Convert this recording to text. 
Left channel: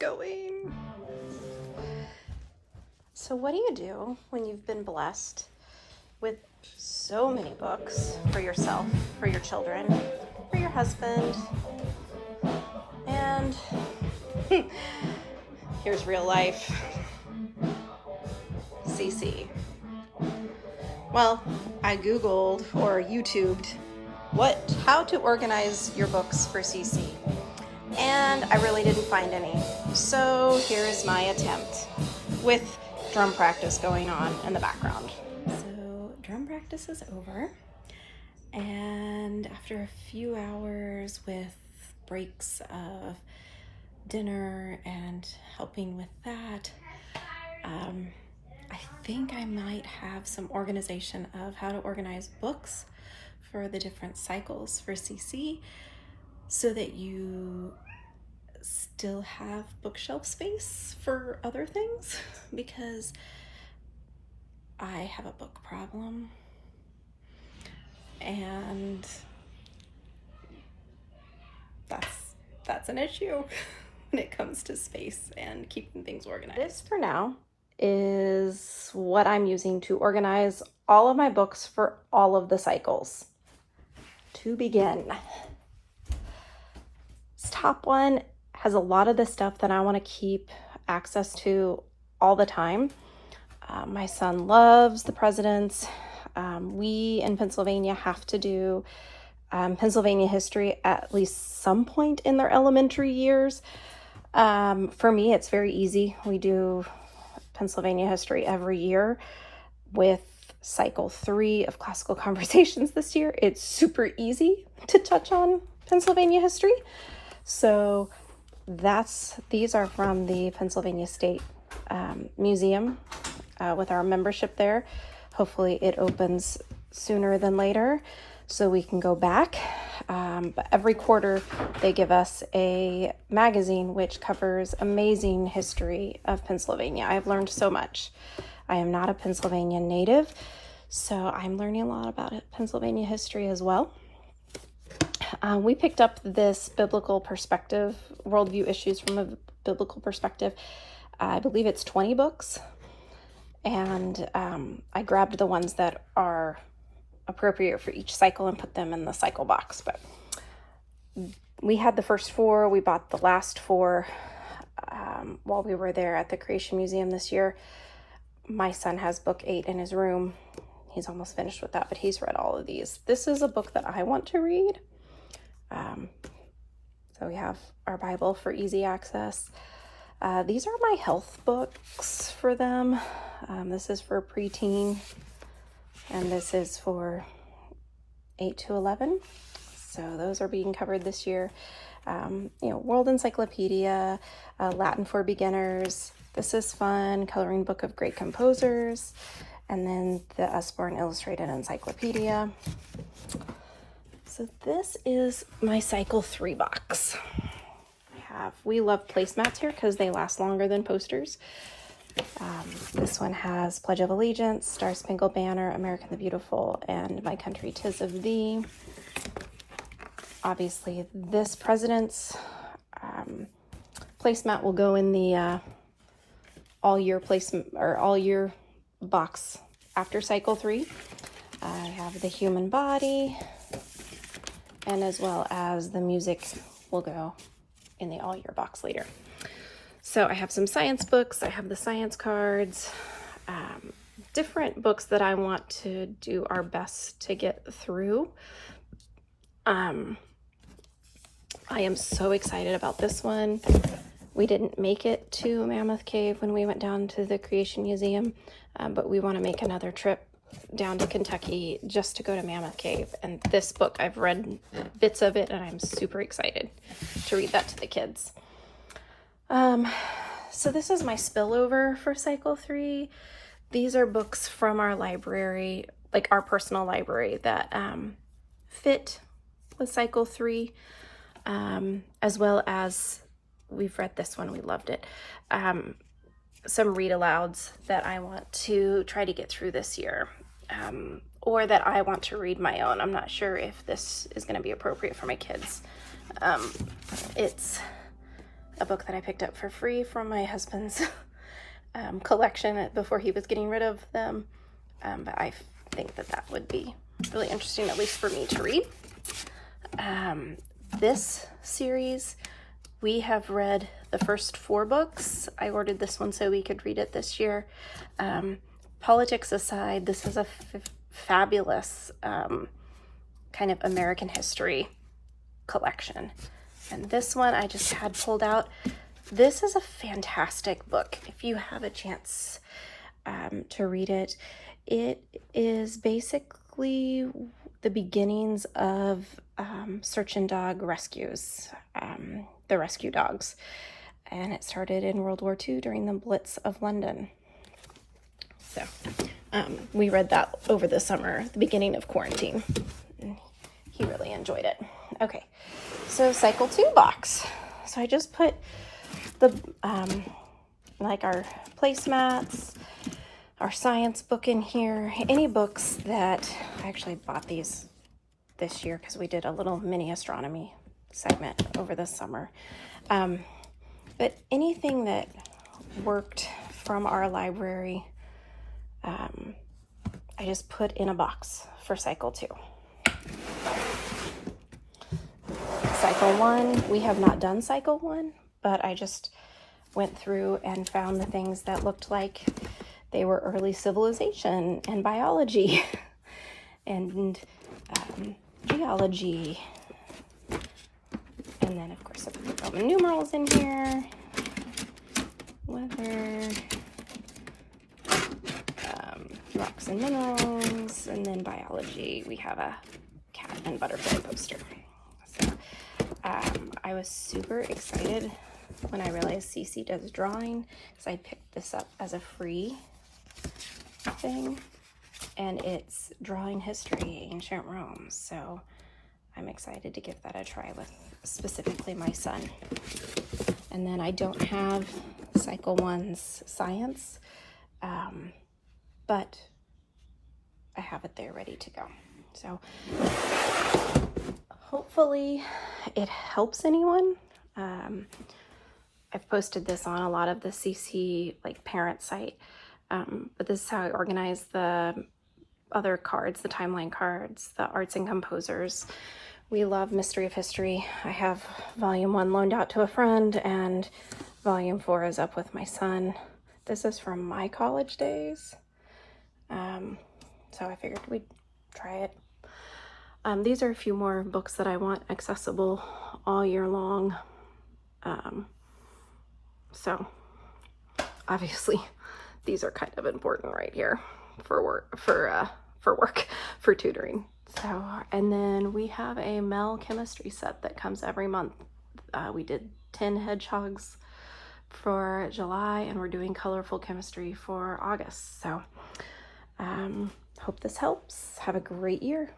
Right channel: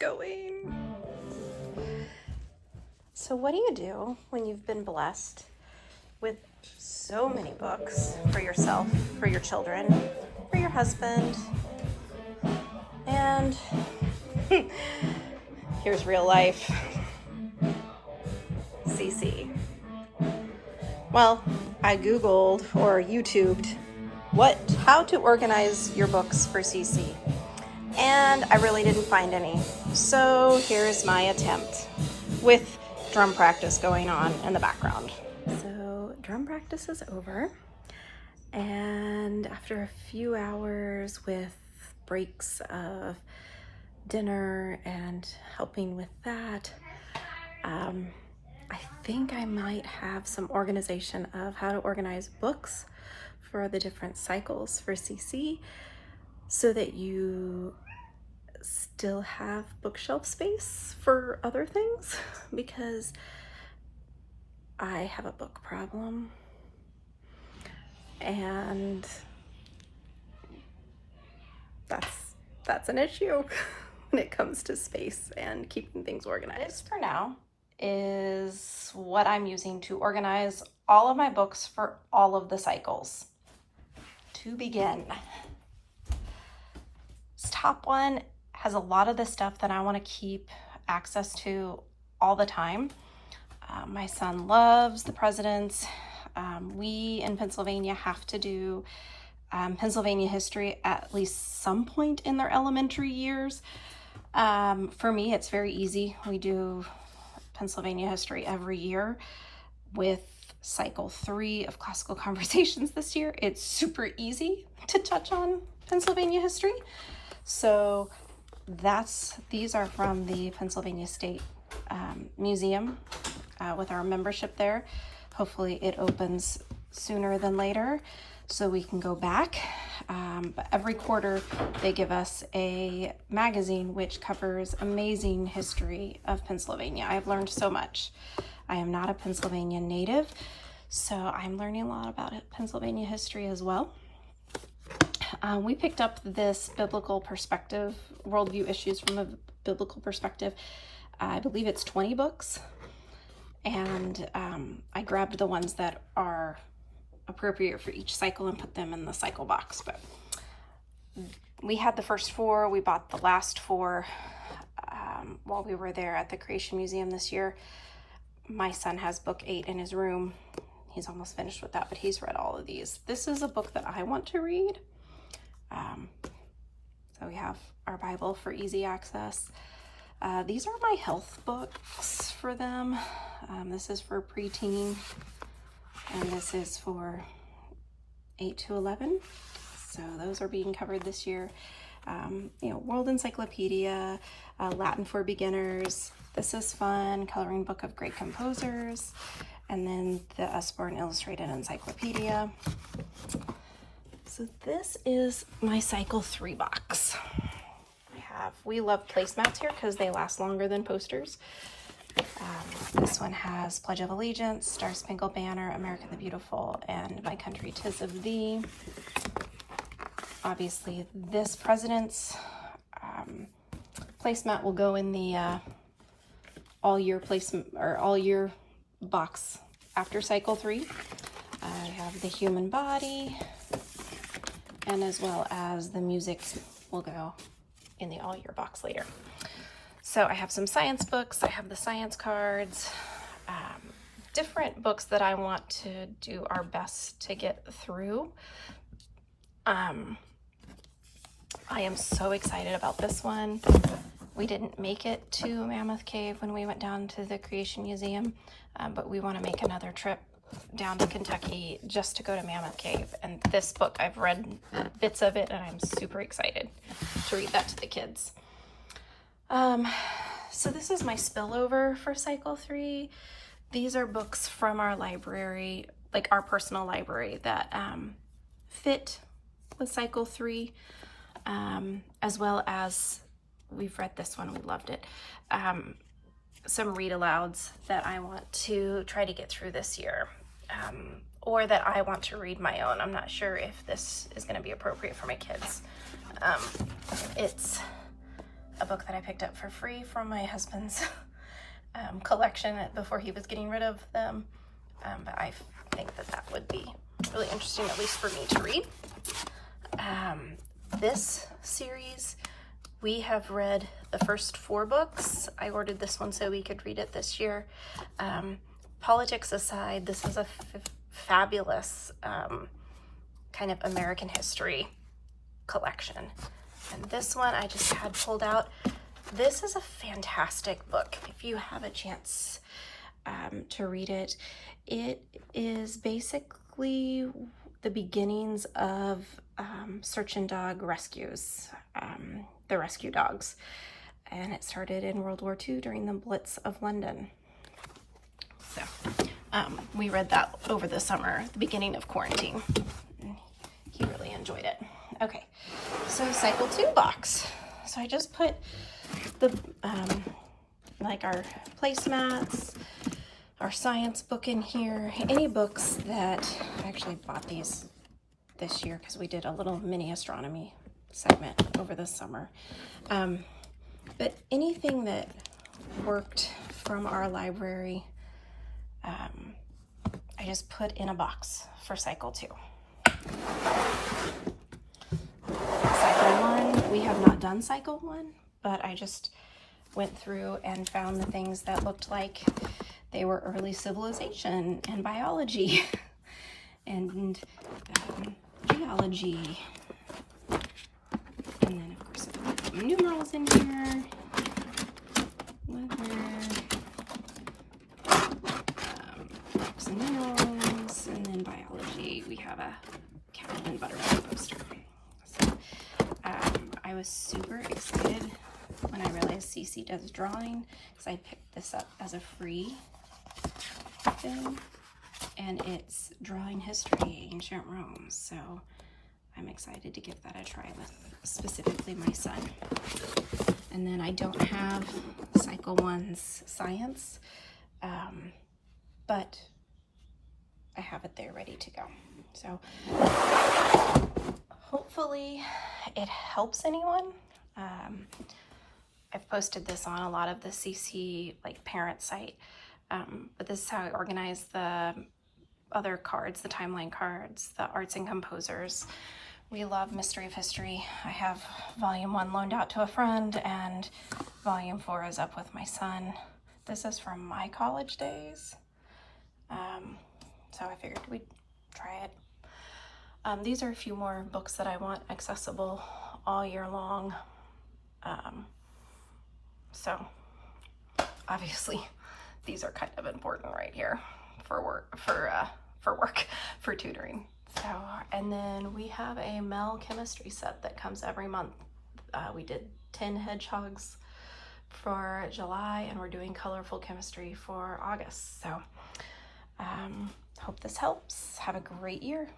going. So what do you do when you've been blessed with so many books for yourself, for your children, for your husband, and here's real life, CC. Well, I Googled or YouTubed how to organize your books for CC, and I really didn't find any. So here's my attempt with drum practice going on in the background. So drum practice is over, and after a few hours with breaks of dinner and helping with that, I think I might have some organization of how to organize books for the different cycles for CC so that you still have bookshelf space for other things, because I have a book problem and that's an issue when it comes to space and keeping things organized. This for now is what I'm using to organize all of my books for all of the cycles. To begin, this top one has a lot of the stuff that I want to keep access to all the time. My son loves the presidents. We in Pennsylvania have to do Pennsylvania history at least some point in their elementary years. For me, it's very easy. We do Pennsylvania history every year. With cycle 3 of classical conversations this year, it's super easy to touch on Pennsylvania history. So these are from the Pennsylvania State Museum with our membership there. Hopefully it opens sooner than later so we can go back. But every quarter they give us a magazine which covers amazing history of Pennsylvania. I've learned so much. I am not a Pennsylvania native, so I'm learning a lot about Pennsylvania history as well. We picked up this biblical perspective, worldview issues from a biblical perspective. I believe it's 20 books, and I grabbed the ones that are appropriate for each cycle and put them in the cycle box. But we had the first 4. We bought the last 4 while we were there at the Creation Museum this year. My son has book 8 in his room. He's almost finished with that, but he's read all of these. This is a book that I want to read. So we have our Bible for easy access. These are my health books for them. This is for preteen, and this is for 8 to 11. So those are being covered this year. World Encyclopedia, Latin for Beginners. This is fun, Coloring Book of Great Composers, and then the Usborne Illustrated Encyclopedia. So this is my cycle 3 box. We love placemats here because they last longer than posters. This one has Pledge of Allegiance, Star Spangled Banner, America the Beautiful, and My Country 'Tis of Thee. Obviously, this president's placemat will go in the all year box after cycle 3. I have the human body, and as well as the music will go in the all year box later. So I have some science books. I have the science cards, different books that I want to do our best to get through. I am so excited about this one. We didn't make it to Mammoth Cave when we went down to the Creation Museum, but we want to make another trip down to Kentucky just to go to Mammoth Cave. And this book, I've read bits of it, and I'm super excited to read that to the kids. So this is my spillover for cycle 3. These are books from our library, like our personal library, that fit with cycle 3, as well as we've read this one, we loved it. Some read alouds that I want to try to get through this year, or that I want to read my own. I'm not sure if this is going to be appropriate for my kids. It's a book that I picked up for free from my husband's collection before he was getting rid of them. But I think that that would be really interesting, at least for me to read. This series, we have read the first 4 books. I ordered this one so we could read it this year. Politics aside, this is a fabulous kind of American history collection. And this one I just had pulled out. This is a fantastic book. If you have a chance to read it, it is basically the beginnings of search and dog rescues, the rescue dogs. And it started in World War II during the Blitz of London. So we read that over the summer, the beginning of quarantine. He really enjoyed it. Okay, so cycle 2 box. So I just put the like our placemats, our science book in here, any books that I actually bought these this year because we did a little mini astronomy segment over the summer. But anything that worked from our library, I just put in a box for cycle 2. Cycle 1, we have not done cycle 1, but I just went through and found the things that looked like they were early civilization and biology and geology. And then of course I've got some numerals in here. Weather, rocks and minerals, and then biology. We have a cat and butterfly poster. So I was super excited when I realized Cece does drawing, because I picked this up as a free thing, and it's drawing history, ancient Rome. So I'm excited to give that a try with specifically my son. And then I don't have cycle 1's science, but I have it there ready to go. So hopefully it helps anyone. I've posted this on a lot of the CC like parent site, but this is how I organize the other cards, the timeline cards, the arts and composers. We love Mystery of History. I have volume 1 loaned out to a friend, and volume 4 is up with my son. This is from my college days. So I figured we'd try it. These are a few more books that I want accessible all year long. So obviously these are kind of important right here for work, for tutoring. So, and then we have a Mel chemistry set that comes every month. We did 10 hedgehogs for July, and we're doing colorful chemistry for August. So hope this helps. Have a great year.